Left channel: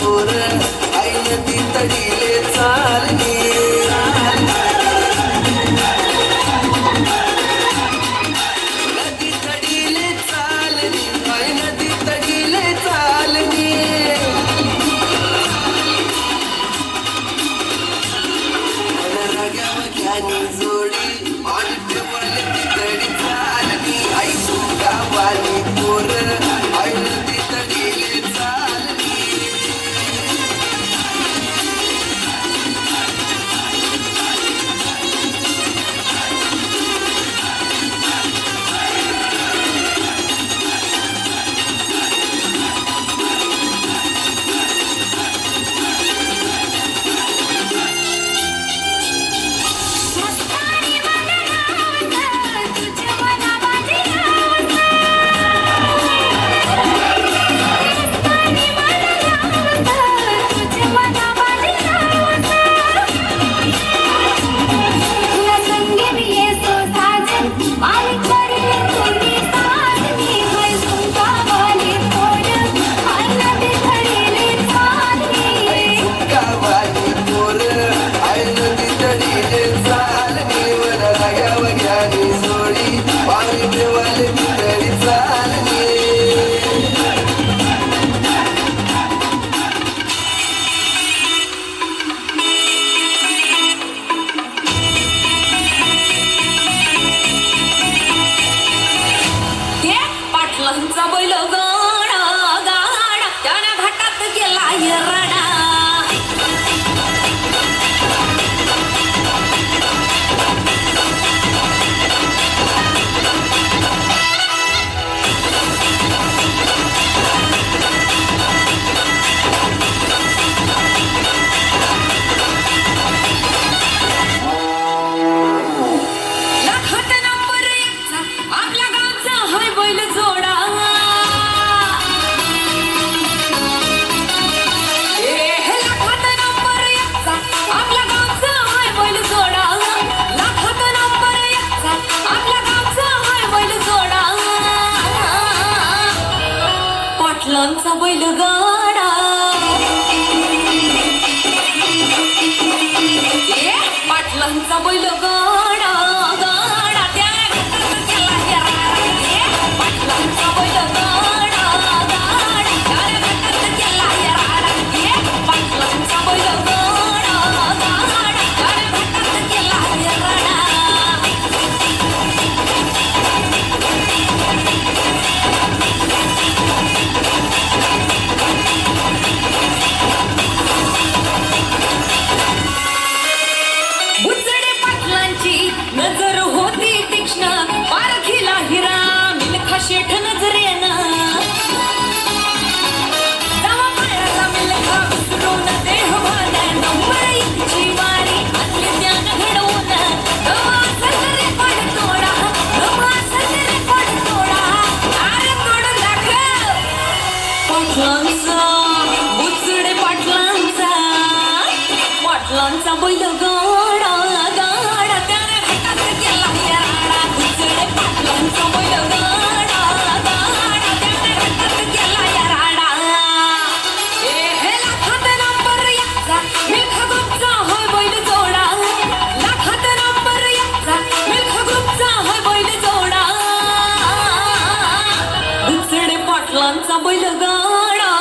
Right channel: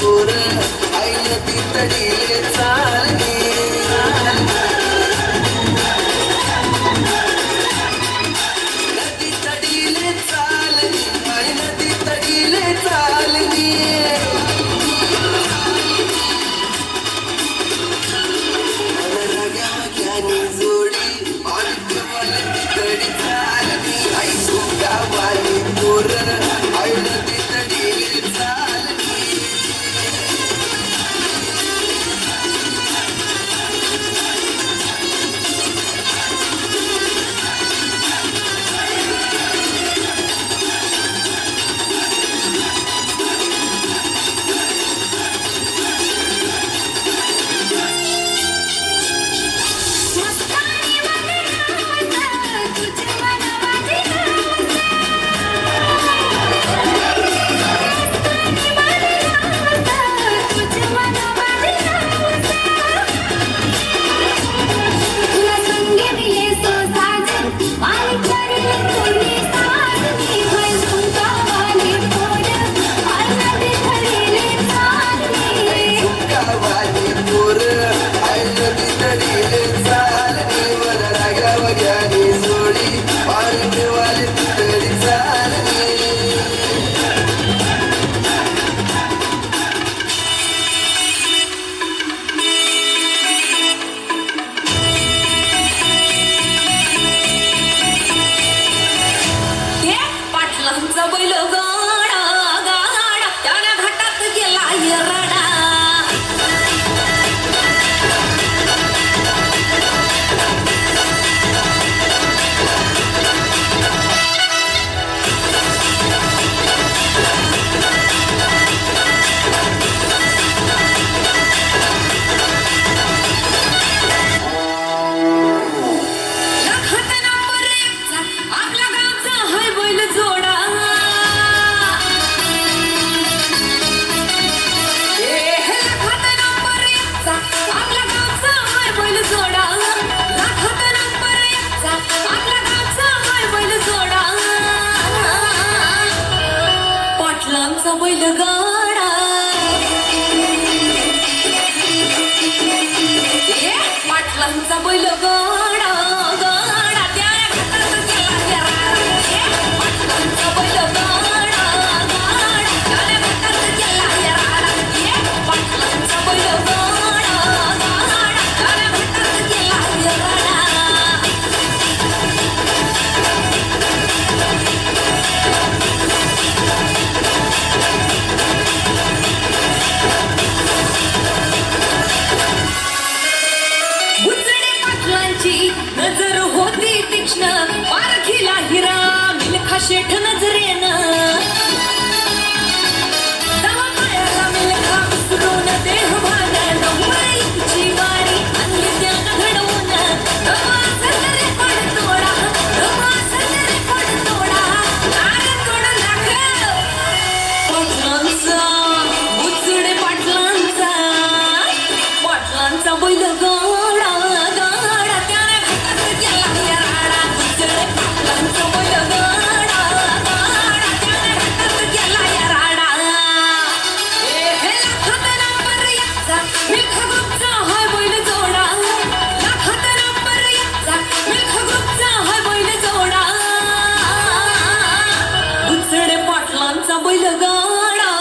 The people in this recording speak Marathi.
पोर आई नदी तडीले चालली नदी तडीले चालली आई नदी तडीले चालली रगावानी जोडी मालिक वाली तडी चालली आई सुगावाली पोर आई नदी तडीले चालली पाटलांचा बैलगाडा पाटलांचा बैलगाडा गाडा त्या पाटलांचा बैलगाडा गाडा पाटलांचा बैलगाडा नजर होती तीक्ष्ण पारखीला हिरा मिल्खा शेठ नजरेनं जावयाचा मिल्खा विसरून देह भागं डोंगराईची वारी आणली त्यानं घडवून सजरे पडतोडा सजरे पडतोडा आणि तोड दाखव पाटलांचा बुचडे पाटलांचा बैलगाडा पाटलांचा बैलगाडा